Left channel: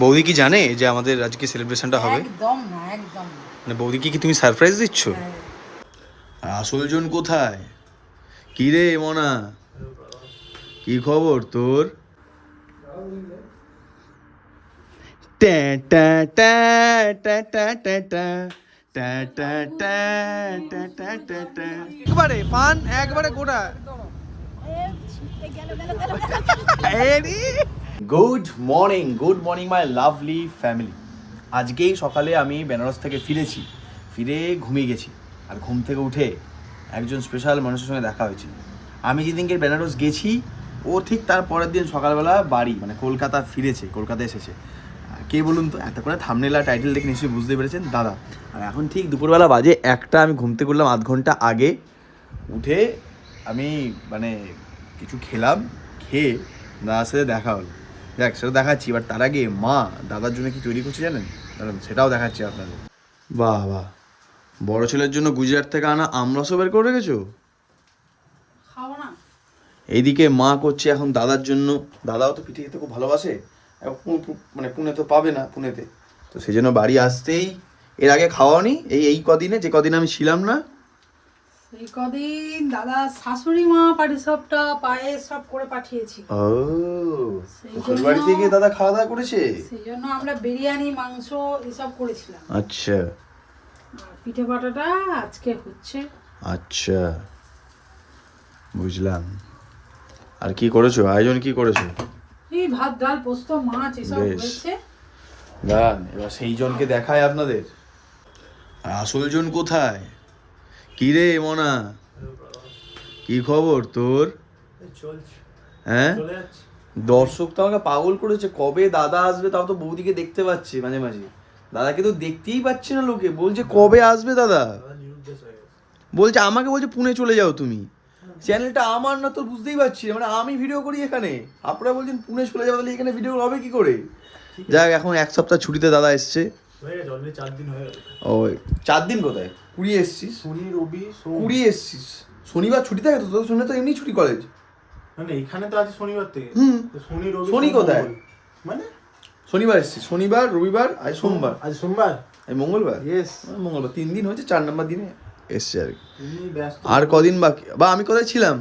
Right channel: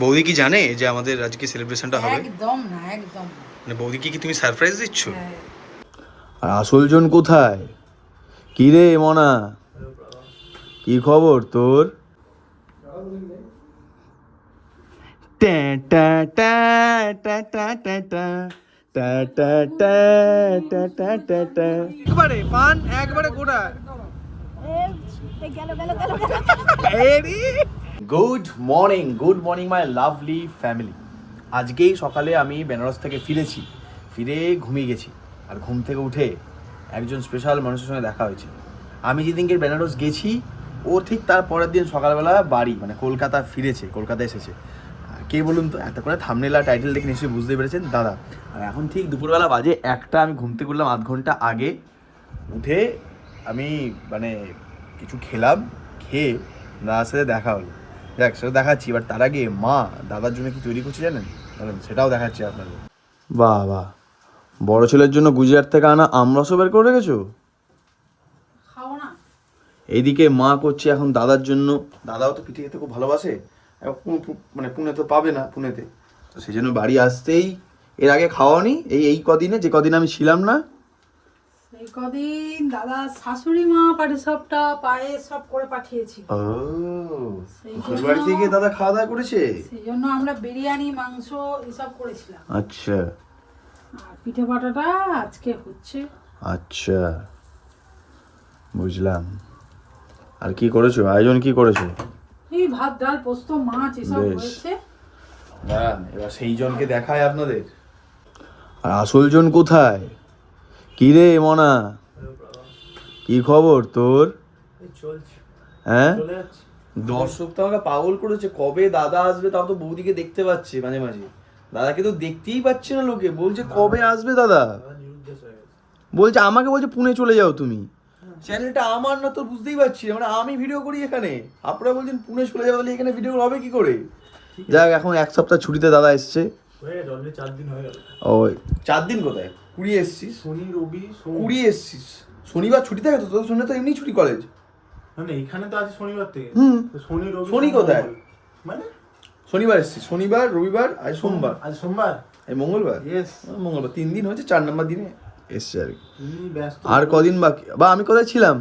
বৌদি কি জানে যে আমাদের আজকে সেলিব্রেশনটা হবে? একদম না, একদম না। মানে বৌদিকে কি তুমি সারপ্রাইজ দিচ্ছ? হ্যাঁ। আর আসলজন কোথায়? কি রে মনা, কি খবর তোর? ট্যা ট্যা ট্যা ট্যা ট্যা ট্যা ট্যা ট্যা ট্যা ট্যা ট্যা ট্যা ট্যা ট্যা। একবারে পান একবারে গোটা। Good morning my lovely family. আজকেই সকালে আমি বেনারস থেকে ফিরে ঘুমিয়ে গেছি। আর ঘুম থেকে উঠে একজন স্পেশাল মানুষের সঙ্গে দেখা হয়েছে। আমি যেদিনকে বেনারস গেছি ও ঠিক তার পরের দিন সকালবেলা বাড়ি মানে কলকাতা এসেছে। কে বলুন তো? এত করে থাম্বনেল আর টাইটেল দেখে নিশ্চয়ই বুঝতে পেরেছেন, দাদা। আর এখন ঠিক দুপুরবেলা বাজে একটা, আমি ঘুম থেকে উঠলাম আধ ঘন্টা আগে। উঠে আমি মানে কিছু খেলাম, খেয়ে দাদার সাথে দেখা হলো। দেখ সেটা দেখাচ্ছি, এবার তার আগে মা দাদার জন্য কি তৈরি করছে জানেন? সেটাও দেখাচ্ছি আপনাদের। বাহ বাহ, বড় ছেলের জন্য গুজরাট থেকে আনা আমরসও বের করে রেখেছো। খাবো না। এইদিকে মা করছে এখন দাদার জন্য। দাদাও তো পিঠে খেতে খুব ভালোবাসে, মানে পুনে তো পাবে না পুনেতে, তো সেই জন্য বাড়ি আসতেই, এর আগে খাওয়ানি এই কদিনে, যে কদিন আমি ছিলাম না এই কদিন দাদা শাশুড়ি মা পাটিসাপটা পায়েস সব করে পাঠিয়েছি। ও, শ্বশুর বাড়ি থেকে দাদা খাওয়া দাওয়া করেছে, সেই জন্য আমরা বিরিয়ানি মাংস এসব করেছিলাম। আচ্ছা আর পিঠে পাটাটা আজকে হচ্ছে। আচ্ছা, বুঝলাম। আর কি করেছো, আয়োজন কি করেছো? এই ভাত ডাল পোস্ত মাছ এসব বেশ। হয়েছে। দাঁড়ান এবার সেই জনকে দেখায় আপনাদের। আর আসল জন কোথায়? কি রে মনা, কি খবর তোর? হ্যাঁ, দর্শক তো আমাকে পাগল করেছে, কবে দাদা আসবে, তাও তো বৌদিকে দেখতে পাচ্ছে মাঝে মাঝে, দাদাকে তো দেখতেই পাচ্ছে না লোকে, বলছে কবে আসবে দাদা, বলছে আমাকে বলছে পুনে চলে যাও তুমি। চ্যানেলটা আমার না, তো বুঝতেই পারছি না, মানে আমি ভিডিও করি এখানে, আপনারা বলছেন পুনে চলে যাবো, তাহলে এখানে ভিডিও হবে কি করে? যাক, এখন এক সপ্তাহ ছুটিতে দাদা এসছে। ও 4 দিন কোথায়, 20 এসছিস, 20 এসছিস, শনিবার ছুটি থাকে তো তোর? শনিবার তো এমনি ছুটি কলেজ। মানে এখানে তো আছে শনিবার থেকে। শনি কোথায়? মানে শনিবার এসছি, শনিবার রবিবার আজ সোমবার, আজ সোমবার, এই মঙ্গলবার। ইয়েস, মঙ্গলবার 3 দিন হয়েছে, 4 নম্বর দিনে এসছে আর কি। তুমি ব্যস্ত। আর কদিন বাকি, বা আমি কোথায় ছিলাম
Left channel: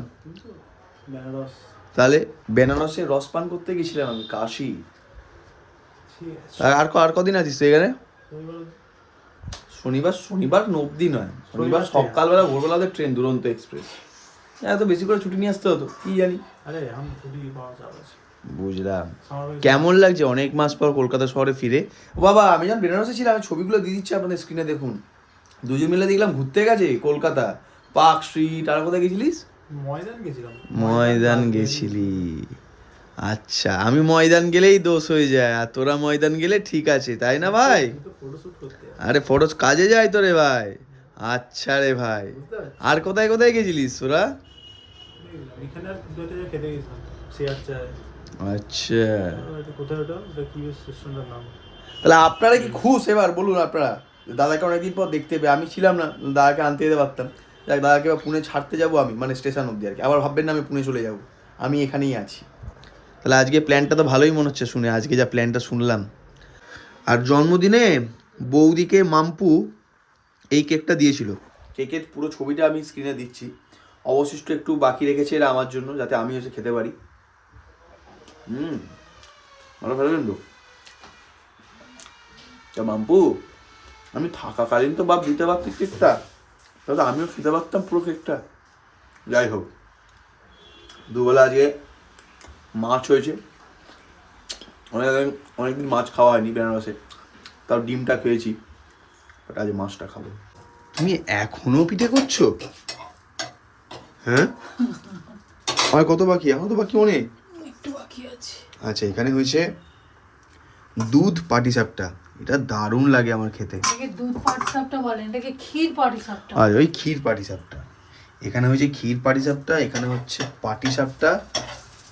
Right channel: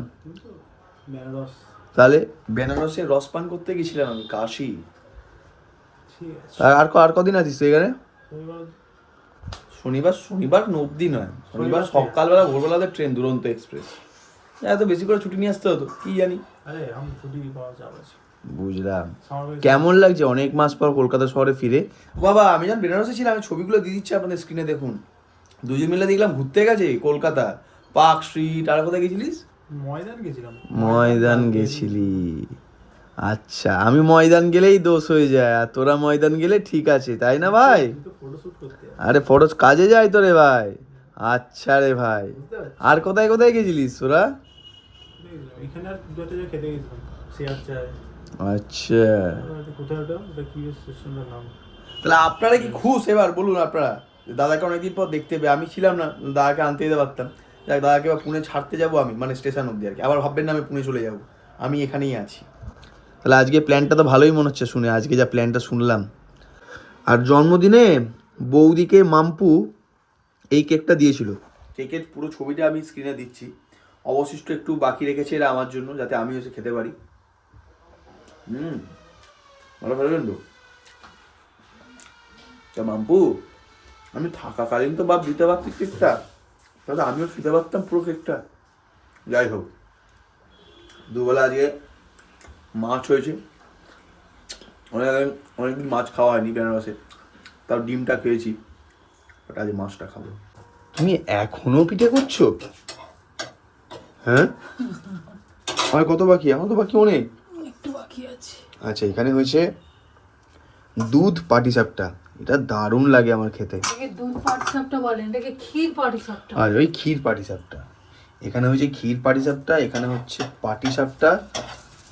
বেনারস। তাহলে? বেনারসে রস পান করতে গেছিলাম আমি, কাশি। ঠিক আছে, আর কদিন আছিস তুই এখানে? শনিবার। শনিবার অবধি নয়, শনিবার সকালবেলা ভোরবেলাতে ট্রেন দুরন্ত এক্সপ্রেস, এত বেশি করে ছুটি নিয়ে আসতে হতো কি জানি। আরে আমি ছুটি পাওয়া যাবে। বুঝলাম। কেমন লাগছে অনেক মাস পর কলকাতা শহরে ফিরে? বাবা আমি যখন বেনারসে ছিলাম, আমি ছবিগুলো দিয়ে দিচ্ছি আপনাদের স্ক্রিনে, দেখুন। দুজন মিলে দেখলাম ঘুরতে গেছে কলকাতা, পার্ক স্ট্রিট। আর কোথায় গেছিলিস? ময়দান গেছিলাম। ময়দান গেছিলি, আচ্ছা। আমি ময়দান গেলেই দোষ হয়ে যায়, আর তোরা ময়দান গেলে ঠিক আছে, তাই না ভাই? ফটোশুট করতে। আরে ফটো কাজে যায় তো রে ভাই। আচ্ছা রে ভাই, আর কোথায় কোথায় গেছিলিস তোরা? এখানে আর দুটো জায়গায় খেতে গেছিলাম, শেয়ার চাই। আচ্ছা, কোথায় ওটা, ওটা কি রেস্টুরেন্টের নাম? তাহলে আপনারা কি খুশ এবার বলুন আপনারা? দাদাকে অনেকদিন পর দেখতে পেয়ে, আমি ছিলাম না, দাদাকে আনতে যেতে পারতাম। দেখ দাদাকে এবার পুনে ছাড়তে যাবো আমি, মানে স্টেশন অব্দি আর কি, আবার ভাববেন না আমি পুনে চলে যাবো, আমি এখানেই আছি। তাহলে আজকে প্ল্যানটা তো ভালোই মনে হচ্ছে শুনে, আজকে যা প্ল্যানটা শুনলাম। আর জন্মদিনে বৌদিকে মাম্পু এই কেকটা দিয়েছিল, কেকের পুরো ছবিটা আমি স্ক্রিনে দিচ্ছি। অবশিষ্ট একটু বাকি রেখেছে এরা আমার জন্য, যাতে আমি এসে খেতে পারি। ভালো খেলেন তো মাম্পু, আমি থাকাকালীন তো বাপ দিতে পারতি কেকটা, তাহলে আমিও খেতে পারতাম পুরো কেকটা। যাই হোক, দুবেলা আজকে মাছ হয়েছে, অনেকদিন মাছ খাওয়া হয়নি বেনারসে, তাও ডিমটা খেয়েছি, বাট আজ মাছটা খাবো। তুমি এখনো পিঠে করছো? হ্যাঁ, আর কত বাকি? এখন তো বাকি অনেক, একটু বাকি আছে। আচ্ছা, এখানে হয়েছে দুধ পাটিসাপটা, এটা দারুণ লাগে আমার খেতে। এটাকে দুধ পাটিসাপটা বলেন, এটাকে ক্ষীর পাটিসাপটা। আর ওই ক্ষীর পাটিসাপটা, এখানে হয়েছে ক্ষীর পাটিসাপটা, এখানে হচ্ছে পাটিসাপটা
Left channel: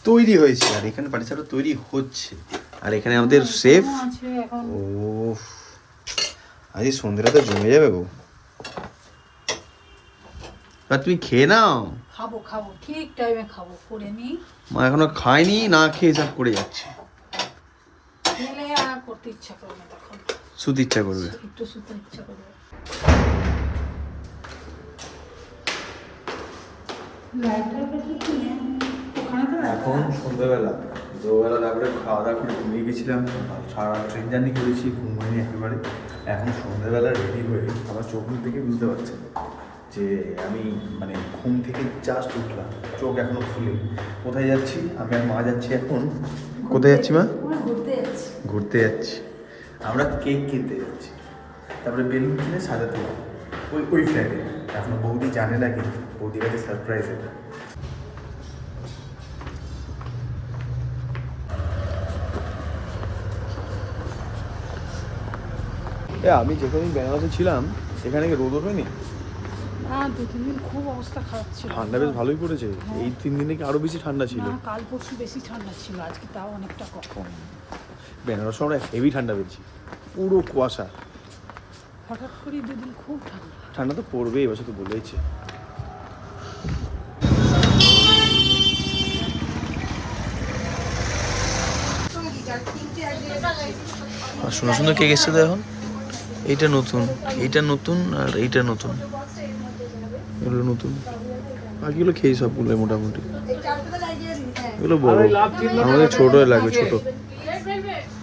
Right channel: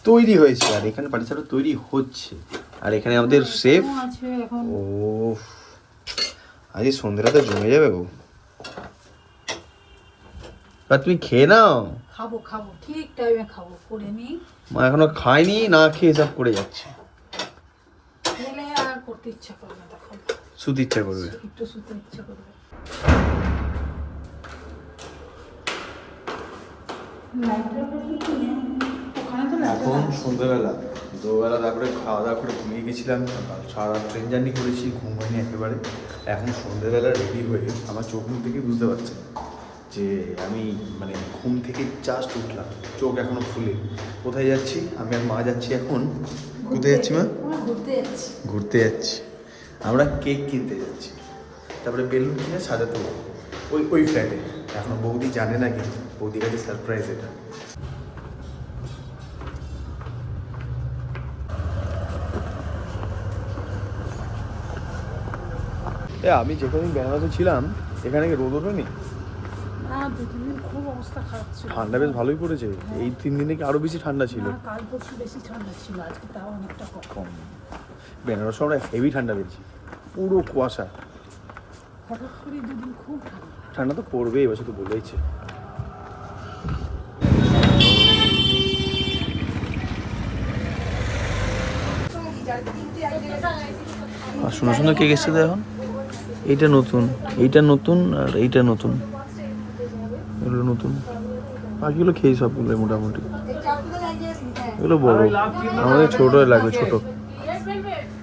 তৈরি হয়েছে, আর এখানে পাটিসাপটা তৈরি হচ্ছে। আর এখানে আমাদের শেফ। ও আজ সন্ধ্যাটা তো জমে যাবে গো। আর তুমি খেয়ে নাও। খাবো খাবো, ঠিক টাইমে খাবো, করে নি। মা এখনো খায়নি, না খেয়ে সব করে যাচ্ছে। খেলে আর করতে ইচ্ছা করে না তখন, শুতে ইচ্ছা করবে। একটু শুতে ইচ্ছা করবে। এখন সন্ধ্যাবেলা, দুবেলা তারপরে খাওয়া দাওয়া করে ঘুমিয়ে গেছিলাম, সারা রাত ট্রেন জার্নি করেছি, ঘুম হয়নি একেবারে। এখন সন্ধ্যাবেলা রেডি হয়ে আমার চোখ মুখ থেকে বুঝতে পারছি যে আমি মানে ঘুম থেকে জাস্ট উঠলাম, চোখ এখনো খুলে। কোথায় যাচ্ছি? আমি আর মা যাচ্ছি এখন। কোথায় যাচ্ছি মা? ঘুরতে যাচ্ছি। আমরা কেক কিনতে যাচ্ছি, তারপরে বেলুন কিনে সাজাতে হবে ওই ফ্ল্যাটে। এখনো বৌদি জানে না, কিন্তু বৌদির কাছে সারপ্রাইজ এটা। আমি যে কদিন বেনারসে ছিলাম এখানে কি রোদ ওঠেনি? না, 2-3 দিন খুব অবস্থা খারাপ ছিল। ঠান্ডা বেশ ভালোই পড়েছে। এই 3 দিনে কি আরো বেশি ঠান্ডা ছিল? না, কাল পরশু বেশি ঠান্ডা ছিল, আজকে তাও অনেকটা কম। বেনারসে আমরা হেভি ঠান্ডা পেয়েছি, পুরো কুয়াশা। হঠাৎ করে 2 দিন খুব ঠান্ডা। ঠান্ডা তো পড়বে, এবছর তো বলেইছে। আর সুন্দর সুন্দর কেক এসছে তো এখন। এইটা নতুন, এইটা নতুন, আর এইটা নতুন, এগুলো নতুন। বাকিগুলো খেয়ে সবগুলো মোটামুটি। এগুলো বড়, আমাদের ছোট লাগবে। ছোট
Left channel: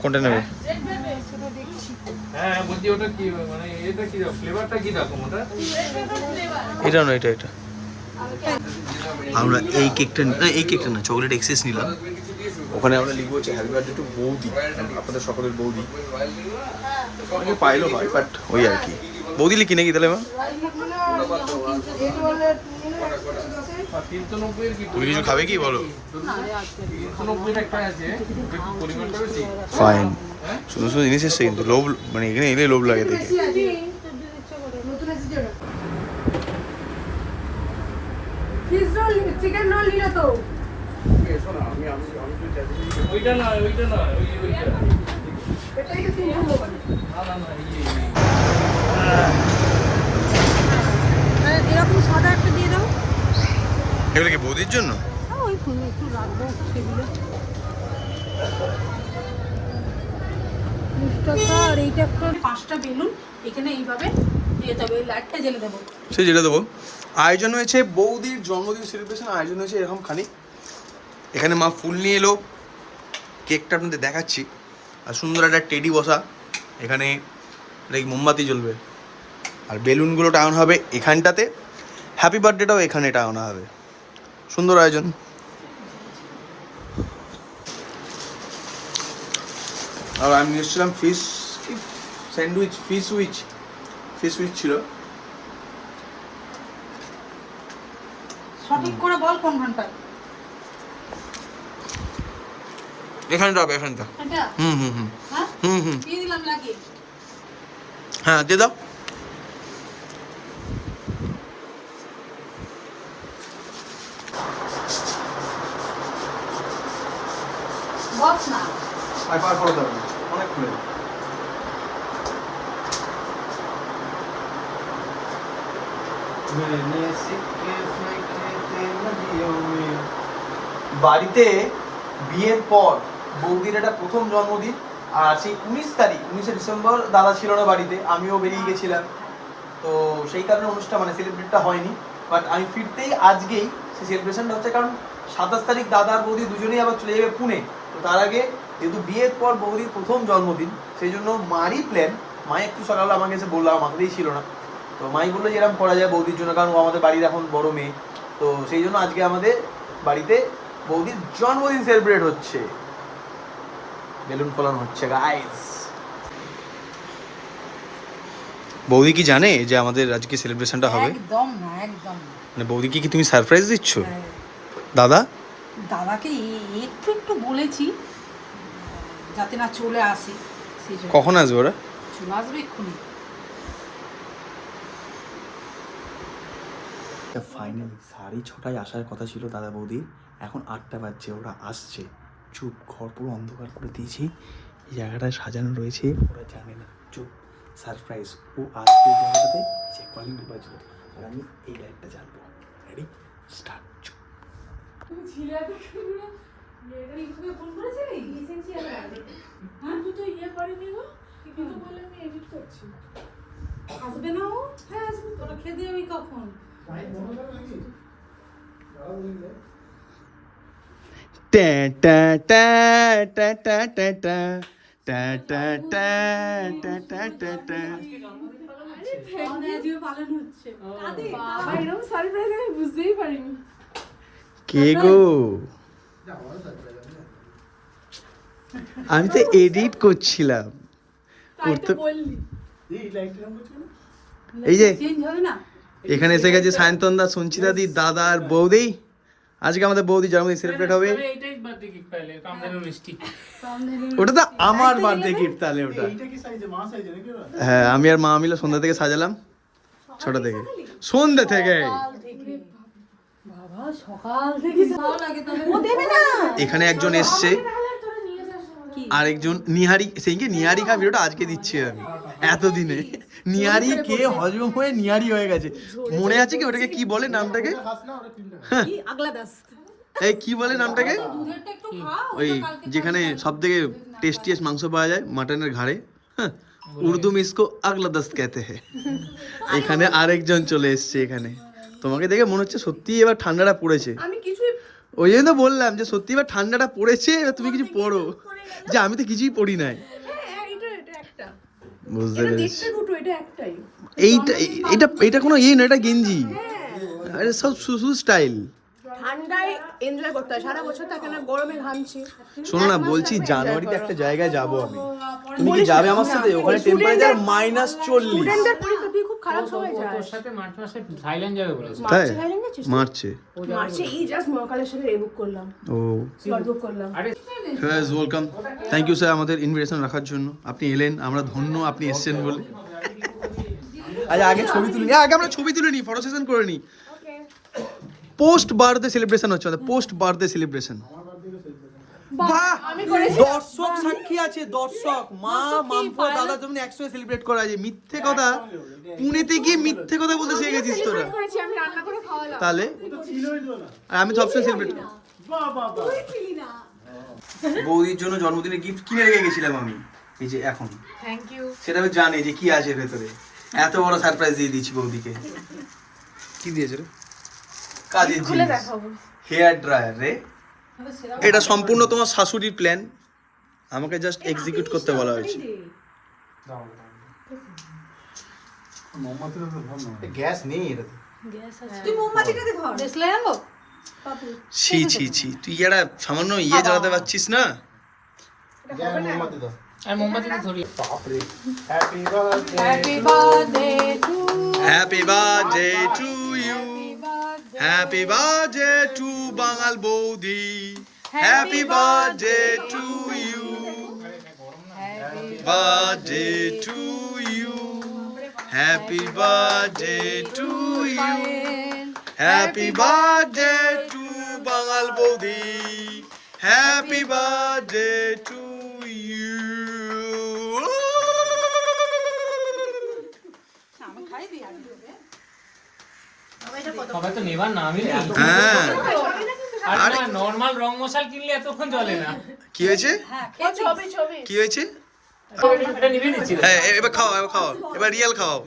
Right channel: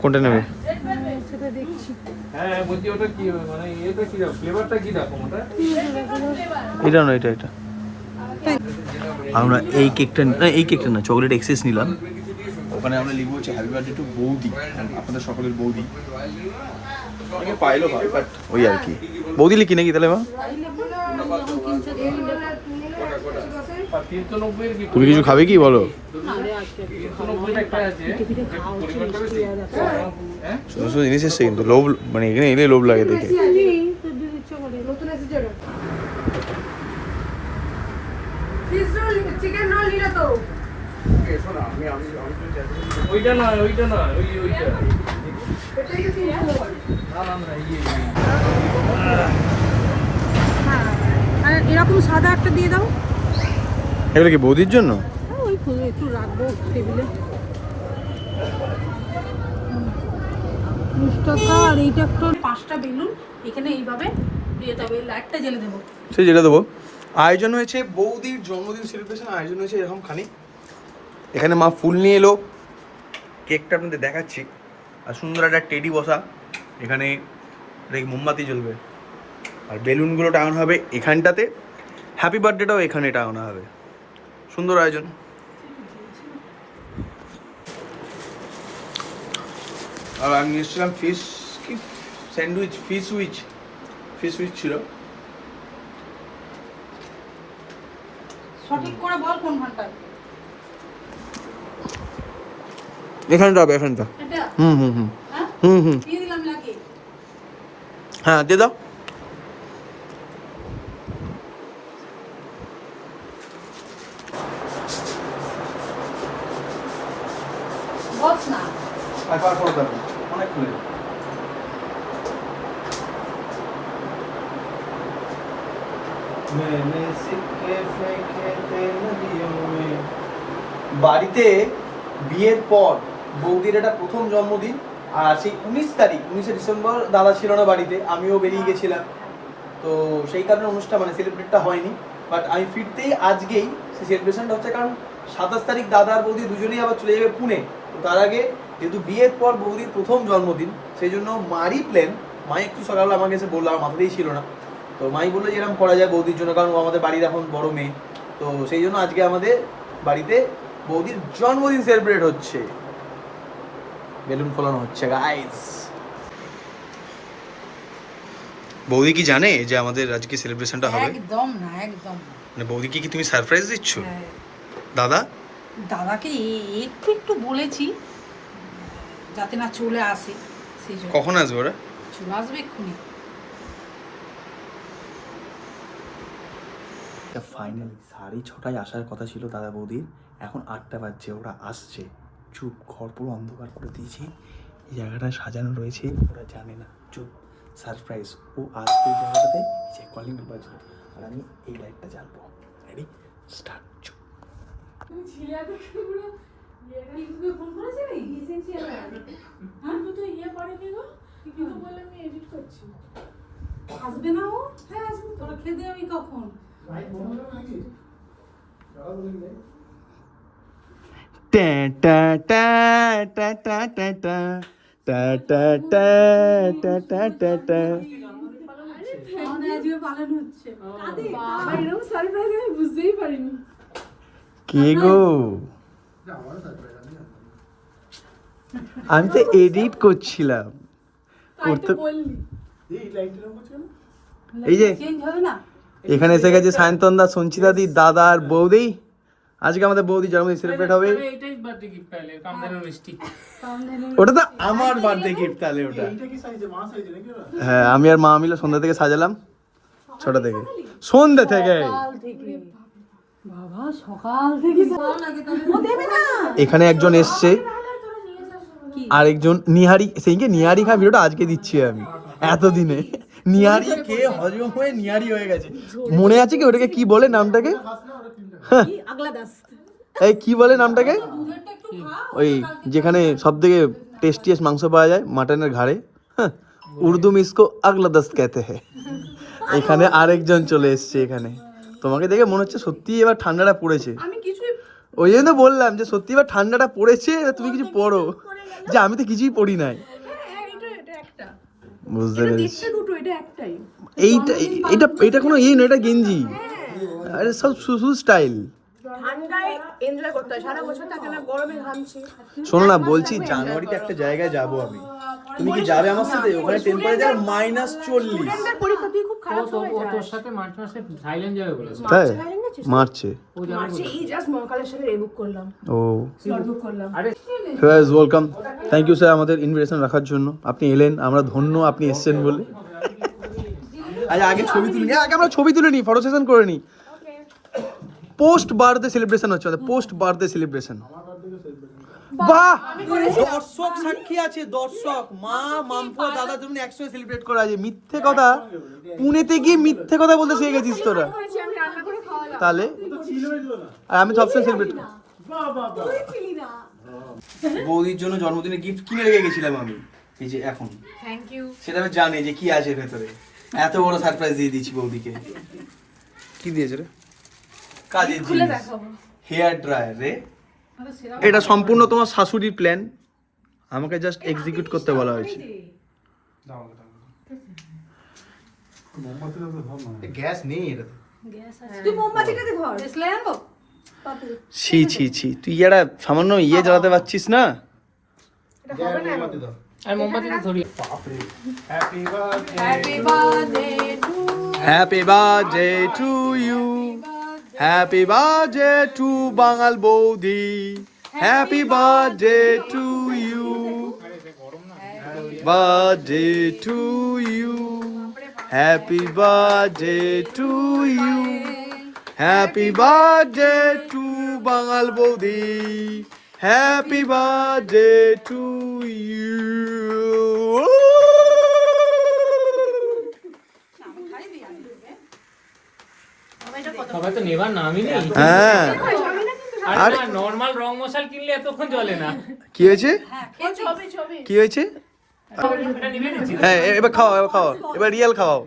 কোনটা নেবে? এটা না, এটা আমরা এই কেকটা না, চকলেট এক্সেস নিলাম। ওখানে আমরা লিখবো হচ্ছে হ্যাপি বার্থডে টু বৌদি, আপনাদের সকলের বৌদি। অনেকে পাইলেও হয়, বাট ওই আর কি। বৌদি লিখি নাকি তাহলে মা? তুমি কিছু খাবে কি বলো? ফাইন। সুন্দর সুন্দর জিনিস এসছে, কিন্তু লোভ মানে এখানে এলে লোভ লাগে দেখে। চিকেন রোল নিলে তো ওইটা না, ওইটা এটাই কি এরকম সাদা একটা দিয়ে দাও। এগুলো কি বৌদির জন্য? হ্যাঁ, ওই একটু রাখবো টেবিলে। আর এইটা একটা 5টা বেলুন এখানে এইভাবে দিয়ে তবে লাইটটা জ্বেলে দেবো। সে যেটা দেবো। আয়োজন হয়েছে বৌদির জন্মদিন সেলিব্রেশন, আয়োজন হয়েছে এরকম খালি। এখানে মা ফুল নিয়ে এলো, কেকটা আপনাদের দেখাচ্ছি। আর সুন্দর একটা টেডি বসা এখানে, মোমবাতি জ্বলবে। আর বেলুনগুলো টাঙানো হবে এখানটাতে, হ্যাপি বার্থডেটাও এখানে টাঙানো হবে। সুন্দর আয়োজন। আর আমি নিয়ে এসেছিলাম ফিশ স্যান্ডউইচ, ফিশ উইচ ছিল। সঠিক করে বল কোন ঘন্টা? এখানটা হবে, এখানটা। এটা হুম হ্যাঁ কি দিলাম লাগিয়ে? হ্যাঁ দিয়ে দাও। বস না পার করে দাও, অনেক খুলে। বাড়িতে বিয়ের পর বৌদির এটা প্রথম জন্মদিন। আর সেই 19 ডিসেম্বর দাদা ছিল না বাড়িতে, আমিও বেরিয়ে গেছিলাম। তো সেই কারণে অনুষ্ঠান মানে সেলিব্রেটটা হয়নি। বাট আমি ফিরতেই আজকেই সেই সেলিব্রেশনটা হচ্ছে, কারণ 27 তারিখ দাদা আর বৌদি দুজনেই আবার চলে যাবে পুনে। তো তার আগে যেহেতু বিয়ের পর বৌদির প্রথম জন্মদিন, সেই জন্য মারই প্ল্যান। মা একটু সকালে আমাকে এসে বললো, আমার মাথাতেই ছিল না। তো মাই বললো যে এরকম করা যায় বৌদির জন্য, কারণ ও আমাদের বাড়ির এখন বড় মেয়ে। তো সেই জন্য আজকে আমাদের বাড়িতে বৌদির জন্মদিন সেলিব্রেট হচ্ছে, বেলুন ফোলানো হচ্ছে গাইস। বৌদি কি জানে যে আমাদের আজকে সেলিব্রেশনটা হবে? একদম না, একদম না। মানে বৌদিকে কি তুমি সারপ্রাইজ দিচ্ছ? হ্যাঁ। দাদাকে একটু বলেছি যাতে না চলে আসে, সেই জন্য। কখন আসবে ওরা? চলে আসবে এক্ষুনি। ফাইনালি 6:30 আসার কথা ছিল দাদা বৌদির, এখন 8টা বাজছে, ওরা আসছে। চুপ, ঘর পুরো অন্ধকার করে দিয়েছি, এই জায়গাটা সাজানো রয়েছে, ওরা জানে না। চুপ, সারপ্রাইজ। ও আসবে এই জায়গাটাতে, যে কলিং বেল বাজবে, আর আমি এই লাইটটা জ্বালবো। Ready, start. চুপ। ইউটিউবে ফোন করেছিলি এসেনশিয়াল হ্যাঁ তুই তো ইয়ে করেনি গো কিন্তু বলে আমি এডিট করছি আসবে না ও হ্যাঁ আসবে তোরা খেতে যাবি কখন টা টা টা টা টা টা টা টা টা টা টা টা টা টা। আমাদের আজকে পালন হচ্ছে কাদের বাবা এরকম সারপ্রাইজ আমি বুঝতেই পারিনি কে গো? আমি তো এডিট করছিলাম। তাই তো বললি এই যে চেঞ্জ হবে না এখানে এসে গেছে সায়ন্তন দা, সঞ্চিতা দি, দাদা আর বৌদি। আজকে আমাদের বৌদি জন্মদিন সেলিব্রেট হবে। এটাই বার্থডে গিফট পাইলে কামদের মিষ্টি ওটা তো আমার বার্থডে গিফট, তাহলে ওটা এটা কি সাইজে মা সাইজে নাকি ওরা? হ্যাঁ, আমি আর মা মিলে সন্ধ্যা থেকে সাজালাম। ছোট থেকে সন্ধ্যা থেকে বাবা সকাল থেকে ভালো লাগে তবে ও দেবে না এখানে একজন এসছে, আর একজন নিহারি, সেইকে নিহারি খা ভিডিওটা আজকে দিচ্ছি আমি এতদিনে। নিহারি কে হজম হয়ে নিহারি হয়ে গেছে। মনে আছে কি ওটাকে কি বলে নামটাকে? কি আগলা দাস এই কি বলে নামটাকে? দুধেরটা একটু খাও ওই যেখানে সব থেকে টেস্টিয়েস্ট মাংস পাওয়া যায় মাটনের ঘাড়ে, হ্যাঁ, উর্দু में इसको আগলা দস্ত कहते हैं। এখানে আরেকজন চলে এসছে এখানে। তোমাকে দেখে মনে হচ্ছে সত্যি এবার ঠান্ডাটা পড়েছে। আমি কিছুই ওই জন্য তো বললাম যে সত্যি এবার ঠান্ডাটা পড়েছে, এবার তুমি কিছু পড়ো। যে আমি তো কিছুই পড়ি নাই। হ্যাঁ এটা একটা বুঝতে এটা পেরেছি। দেখতে দুটো এটা একটাই এইটা এটা এটা কোনো ইয়ে না, এটা গেঞ্জি। আরে সব শুধু স্টাইল। ঠান্ডায় এনজয় করতে হয়, সারা বছর থাকে না গরমে ঘামছি। শোনো না, বলছি জানুয়ারিতে একটা জায়গায় যাব আমি, তুমি কি যাবে আমার সাথে? ওখানে টেম্পারেচার -40। ফ্রেন্ডের পরীক্ষা তুই খুব খারাপ সময় তোর যাস সাথে মার্চ মাসে থাইল্যান্ড যাবে বলেছে। তাই থাইল্যান্ড যাচ্ছিস? মার্চে। মার্চে এই জাস্ট মহাকালেশ্বরের এ বুক করলাম, ও স্লট বুক করলাম। আরে ওয়েলকাম, থ্যাংক ইউ স্যার আমাদের ইনভিটেশন রাখার জন্য। আপনি এলেন, আমরা ধন্য আপনি এসেছেন বলে। আচ্ছা আগে ছবি তুলে নিই, আগে আমরা ছবি তুলে নিই, ফটো সেশন করে নিই। পোস্ট বার্থডে সেলিব্রেশন হচ্ছে আমাদের, পোস্ট বার্থডে সেলিব্রেশন। বাহ, দর্শক সাক্ষী আছে, দর্শক মা মামপো দাদার জন্য একসঙ্গে সেলিব্রেট করা আছে। মিথ্যে কথা, পুনেতে গিয়ে মিথ্যে কথা বলতে শিখে গেছিস তোরা। করেছি আমি রান্না করে খাওয়ালাম। তাহলে আর আমি সবসময় সেলিব্রেট করি। বাহ বাহ বাহ বৌদির জন্য জন্মদিনে গিফট কিনে রেখে গেছিলাম আমি, এই যে এখন। Thank you. সেটা আমি জানি যে কি আছে ভেতরে। এত বড় সারপ্রাইজ দিয়ে দিচ্ছি বৌদিকে। কি দিয়েছে রে? কাজের জিনিস, হেয়ার ড্রায়ার রে। এটা সম্পূর্ণ তোমার শাশুড়ির প্ল্যান, আমাকে জাস্ট এক্সিকিউট করতে বলা হয়েছে। গ্যাস নেই এটা। তুই মোমবাতিটাতে ধর দেশলাই আনবো ছি ছি ছি, তুই একটা সামান্য ইয়ে জ্বালাতে পারছিস না? আমি মোমবাতিটা ধরি। Happy birthday happy birthday happy birthday to you, happy birthday to বাঙাল বৌদি, happy birthday to you, birthday to you, happy birthday to you, happy birthday to বাঙাল বৌদি, হ্যাপি বার্থডে টু ইউ। সবাই তো নেবার নামই নেই। হ্যাঁ, আর নরমাল রং মশাল কিনলে এতক্ষণ চলে না। কি হয়েছে? ছবি ছবি কি হয়েছে? এটা নিভে নিচ্ছি। হ্যাঁ, এবার খাওয়াও, এবার খাওয়াও, এবার রিয়েল খাওয়াও।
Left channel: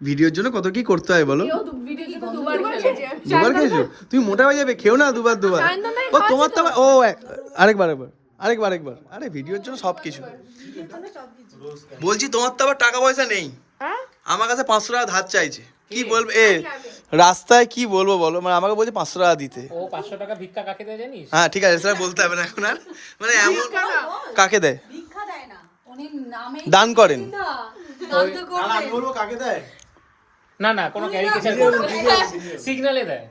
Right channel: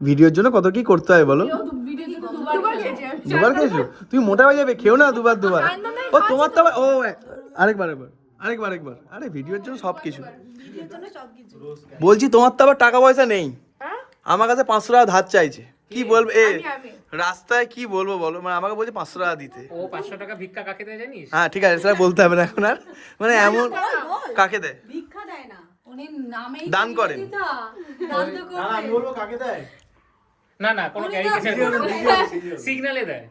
ভিডিওর জন্য কত কি করতে হয় বলো? ভিডিও জন্য দুবার খেয়েছি আমি। দুবার খেয়েছো? তুমি মোটা হয়ে যাবে, খেও না দুবার দুবার। ও তোমার তো ও আরেকবার একবার। আরে ভিডিওর জন্য সব কিছু বলছি। তোমার তো আবার টাকা পয়সা নেই, আমার কাছে 500 টাকা ধার চাইছে। কি বলবো এ রাস্তায়, কি বলবো বলো? মানে আমাকে বলছে 500 টাকা দিতে। ও 500 টাকা ভিক্ষা কাকে দেয় জানিস? হ্যাঁ ঠিক আছে, সেটা বলতে হবে না এখন আর। মানে এমন কাকে দেয়? ভিক্ষা দেয় না উনি নামে দান করেন। দান তো করবে আমি বলবো কাকে দেয়? না না, কোনো ক্যারিকেচার সিগন্যালে দেয়।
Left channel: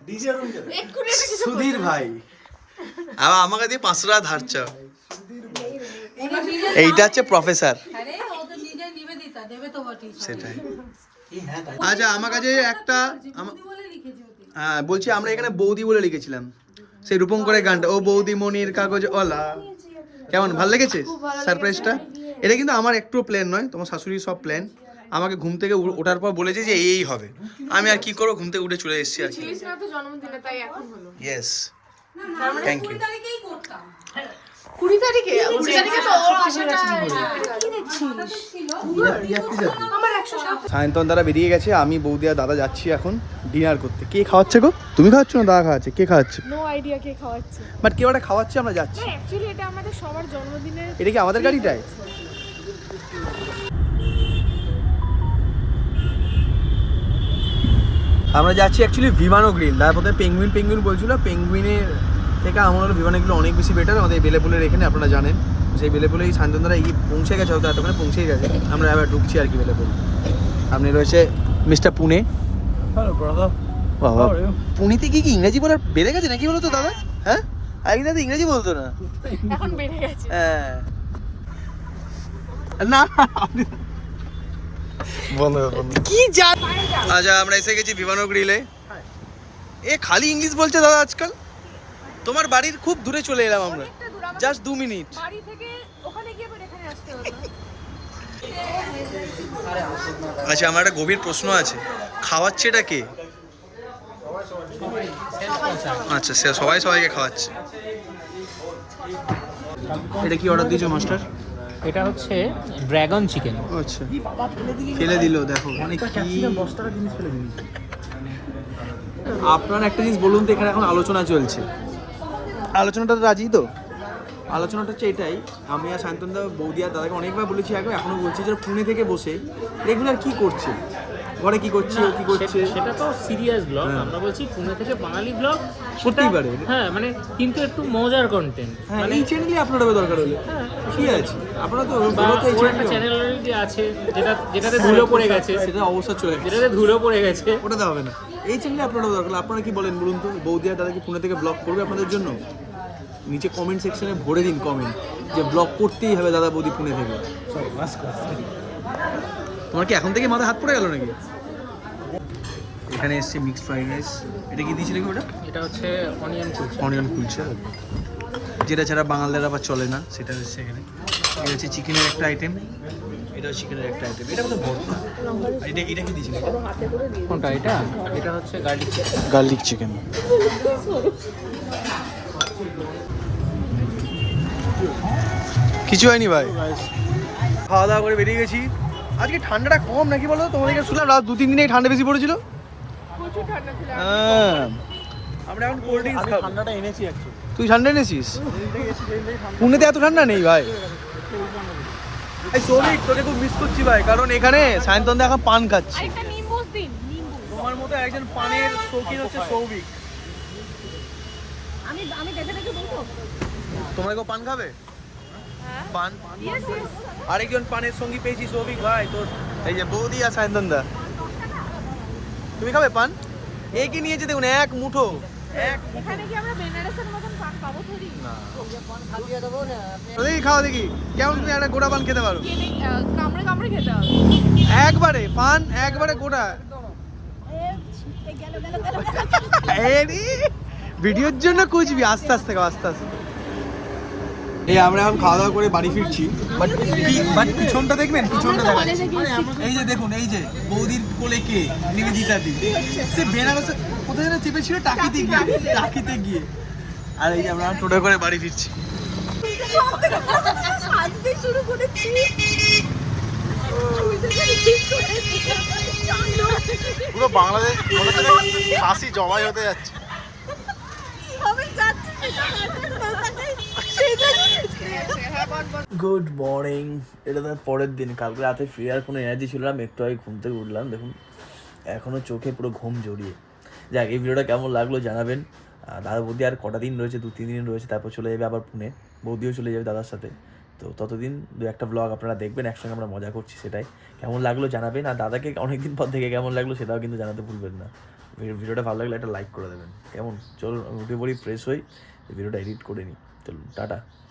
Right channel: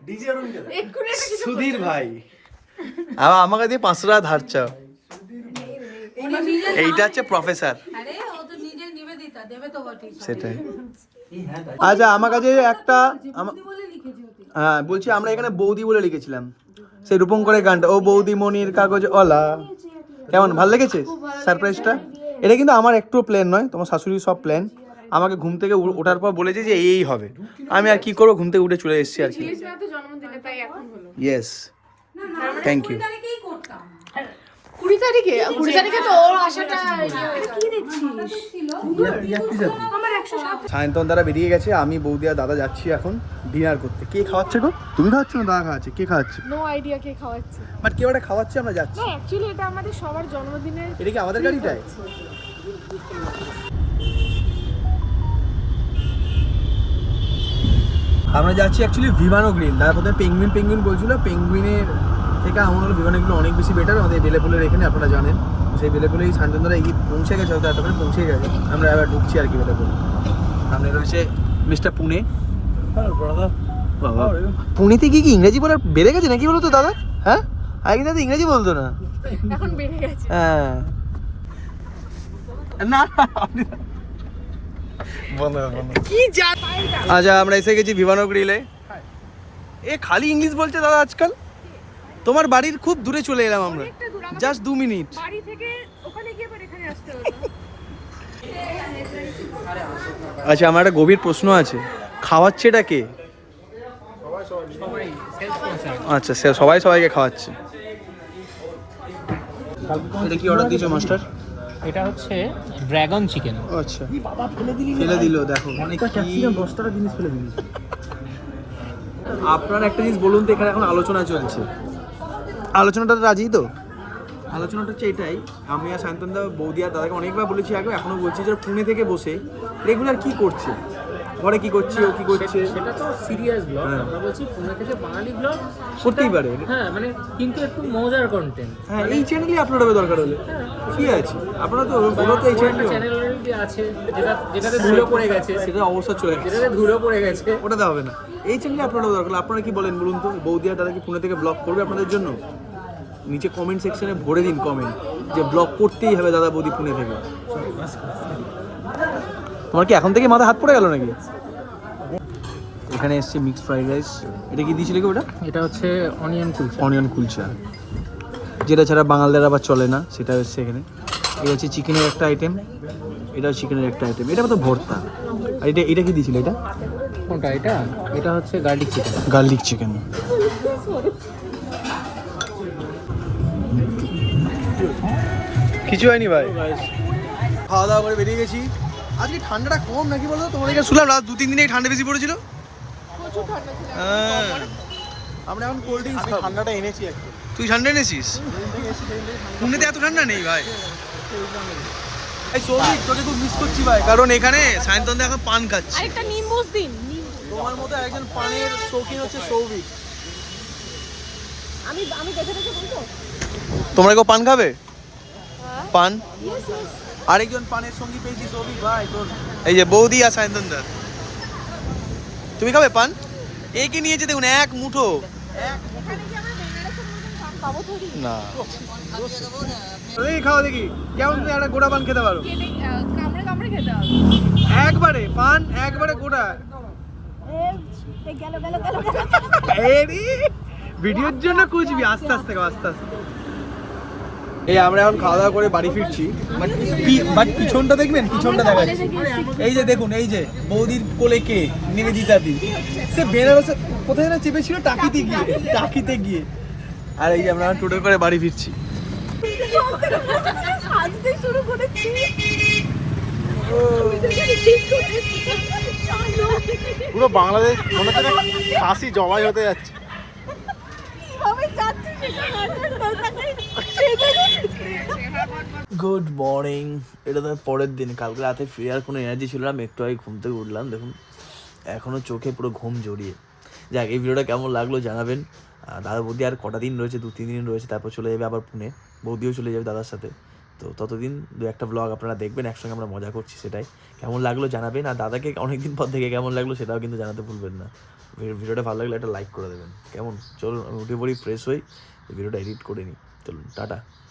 এক্ষুনি একটা সুধীর ভাই আবার আমাকে দিয়ে 500 টাকা ধার চাও। উনি নিজে এইটা হচ্ছে প্রফেসর। আরে ও তো নিজে নিবেদিতা দেবে তো বটেই সেটাই। আচ্ছা আমার কাছে একটা বৌদি বলে লিখেছি ওতে হ্যাঁ বলছি, আমরা এখানে বৌদি বলে লিখেছিলাম সেই রূপম করে গানটা, ও বৌদি মনির কাগজ অলা। কেমন ভালো লেগেছে সারপ্রাইজটা? এটা কিন্তু আমার একটু প্ল্যান নয়, তোমার শাশুড়ির সব প্ল্যান। আমাকে ঘুম থেকে ওঠার পর বলেছে যে এই হবে, আমি আর কি করবো, ঘুম থেকে উঠে চলে এসেছি আর কি। ছিলিস না তো জন্মদিনে, তাই এখন হলো। Yes, thank you. 20 তারিখে তো ওর আসাটা সায়ন্তন দ্বারা বেরিয়ে গেছে, আমি বৌদি আর দাদা যাচ্ছি এখন ডিনার করতে। কে খাওয়াচ্ছে গো? তুমি খাওয়াচ্ছ না দাদা খাওয়াচ্ছে? কে খাওয়াচ্ছে? নো আইডিয়া কে খাওয়াচ্ছে। বাট কেউ একটা খাওয়াচ্ছে, আমরা যাচ্ছি। না অ্যাকচুয়ালি এটা আমাদের সবার জন্মদিনের। এটা কি আমাদের গাড়িটায়? আমরা যাচ্ছি অ্যাকচুয়ালি ভিমানো গ্রিল। দাদা প্রথমে পেঙ্গুইন বলছিল, পেঙ্গুইনের থেকে আমার হলো ভিমানো গ্রিল অনেক বেশি বেটার। আমাদের বেলেপুলের এখানে আপনারা জানেন, সেই বেলেপুলেই সায়ন্তনদারা এগিয়ে পৌঁছে গেছে, হয়তো এতক্ষণে পৌঁছে গেছে। আমরা এবার ঢুকছি আর কি বেলেপুল। আপনি রয়েছে মিস্টার পুনে। বাবা, পুনেতে কি ইংরেজি বলার বেড়ে গেছে নাকি বলো তো দাদা? হ্যাঁ, আগে তো ইংরেজি বলতো না, এখন বেড়ে গেছে। হ্যাঁ না কি জান। আচ্ছা, আমরা এসে গেছি ভিমানো গ্রিলে। এ খালি ইংলিশ বলছে দাদা আজকাল। তোমার বাড়ির খুব দূরে চলে এলাম আমরা, অনেকটা দূর, আমাদের জাস্ট 2 মিনিট। বাড়ি থেকে ওখানে গিয়ে পরে এখানে আসতে হলো। আচ্ছা, আমার একটা গভীর প্রশ্ন আছে, খাওয়াচ্ছেটা কে? আচ্ছা, সে সবাই সবাইকে খাওয়াচ্ছে। এটা কি অর্ডার দিয়েছো মাস্টার? এটা হচ্ছে ড্রাগন চিকেন। আচ্ছা, ফেলে দিল দেখো, মানে কি আপনারা একটা জিনিস বলুন তো, এখানে এখন আলোচনা চলছে, আলোচনাটা রাজি তো? আলোচনাটা হচ্ছে এটাই, আমি আর সায়ন্তনদা বৌদি আর দাদাকে অনেকবার বলেছি আগে, এখনো বলছি যে পুনে থেকে বসে রেগুলার কি করছে, ঘরে কি করছে, ও কি করছে। সেটা তো সিরিয়াস ব্লগ, হ্যাঁ। আমরা বলছি পুনে থেকে বাঙালি ব্লগ করতেই পারে। হ্যাঁ, মানে কিন্তু একটু মজার কন্টেন্ট। হ্যাঁ, এই চ্যানেলই আপলোড হবে দরকার হলে, কি আছে, আপনারা তো বলো তো এই একটা চ্যানেল চ্যানেল অলরেডি আছে যেটাতে ধুলো পড়ে গেছে, সেটা অবস্থা চলে গেছে, যেটাতে ধুলো পড়ে গেছে, ওটাতে হবে না। এই চ্যানেলে আপলোড হবে দরকার। আপনারা কি বলেন বলুন তো, বৌদি আর দাদা কি পুনে থেকে ব্লগ করবে আপনাদের জন্য? নিচে কমেন্ট সেকশনে ভরে দিন কমেন্ট যে ব্লগ করতেই হবে দাদা বৌদি পুনে থেকে। তোমার কি এখন থেকে মাথা হাত পড়ে গেল নাকি? এখানে এসছে মিক্সড ফ্রাইড রাইস। এটা কি দিয়েছিল কি ওটা? এটা হচ্ছে অনিয়ন কুলচা, যেটা ছাড়া বাঙালদের আবার চলে না, সেটা হচ্ছে এখানে। এটা হচ্ছে চিকেনের একটা আইটেম, এটাও চিকেনের একটা আইটেম, এটা তো ভর্তা। এটা কি দিয়েছিল? এটা কোনটা? এটা হচ্ছে গার্লিক চিকেন। Garlic chicken. কিছু হয়নি ভাই, খাওয়া দাওয়া করে বেরিয়ে গেছি। আজকে ঠান্ডাটা কম নাকি বলো তো? তোমাদেরকে শুনলাম রাত 2-3 দিনে ঠান্ডা বেশি পড়েছিল। প্রচুর ঠান্ডা ছিল। হ্যাঁ, আমরা এখন কোল্ড ড্রিঙ্কস খাবো। ঠান্ডাটা এনেছি। তুই ঠান্ডা এনেছিস? পুনেতে এত ঠান্ডা নেই ভাই। এই সৌভিক, তোকে খুব মিস করছি ভাই, কারণ এখানে সায়ন্তনদা এখন পান খাচ্ছে। একটা নিম্বুস দিন, নিম্বু। তোমার মতো একজন পানের শৌখিন হচ্ছে সৌভিক। আমি দেখে বলতো। তোমরা কেউ পান খাবে? হ্যাঁ। পান? Yes yes. আরেকজন পানের সঙ্গী পেয়েছি, সৌভিক ভাই তোর। এই যে বৌদি আর সায়ন্তনদা, তুমি খাবে পান? এই কি নিয়েছে দেখুন, এক মুঠো। এখানে কি আমরা বেনারসের মতন পান পাবো থরি? না, দেখি খাও, দেখি কেমন তুমি একটা গোটা পান খেতে পারো। কামড়ে কামড়ে খেতে হবে। একবারে পান, একবারে গোটা। ভিডিওর জন্য কুচবি, আস্তে আস্তে খাও, আস্তে আস্তে। এই আমরা এখন খাওয়া দাওয়া করে বাড়ি ফিরছি, বাট পিছনটা দেখবেন, পিছনটা দেখাচ্ছি। এই যে দেখুন, এই যে বৌদির কোলে কে, নিবেদিতা দি। সে বেনারসে কোথায় যেন চেপেছিল, টাকিতে গিয়ে। আর এই যে আমরা টোটো করে বাড়ি ফিরছি। আজকে শুরু করেছি। পুরো বাংলাদেশ মনে হচ্ছে কাশি জবাই হতে যাচ্ছে। Good morning. এটা তার পরের দিন, কালকে রাতে ফেরার কোনো এনার্জি ছিল না, একটু আগে ঘুম থেকে উঠলাম, দেখুন এখনও চোখে পুরো ঘুম জড়িয়ে। যাক, এই ভিডিওটা কেমন লাগলো জানাবেন। দাদা বৌদি আর কটা দিন রয়েছে, 2-3 দিন রয়েছে, তারপর চলে যাবে আবার পুনে। বৌদিও চলে যাবে দাদার সাথে। তো ততদিন 2-একটা ব্লগ আপনারা দেখবেন, একসঙ্গে আমরা মজা করছি, সেটাই। কেমন লাগলো জানাবেন, আর দাদাকে অনেকদিন পর থেকে কেমন লাগলো সেটাও কিন্তু জানাতে ভুলবেন না। ভিডিওটা ভালো লাগলে একটা লাইক করে দেবেন, কেমন? চলুন আমি উঠে পড়ি, ফ্রেশ হই, ভিডিওটা এডিট করে নিই। চলুন, টাটা।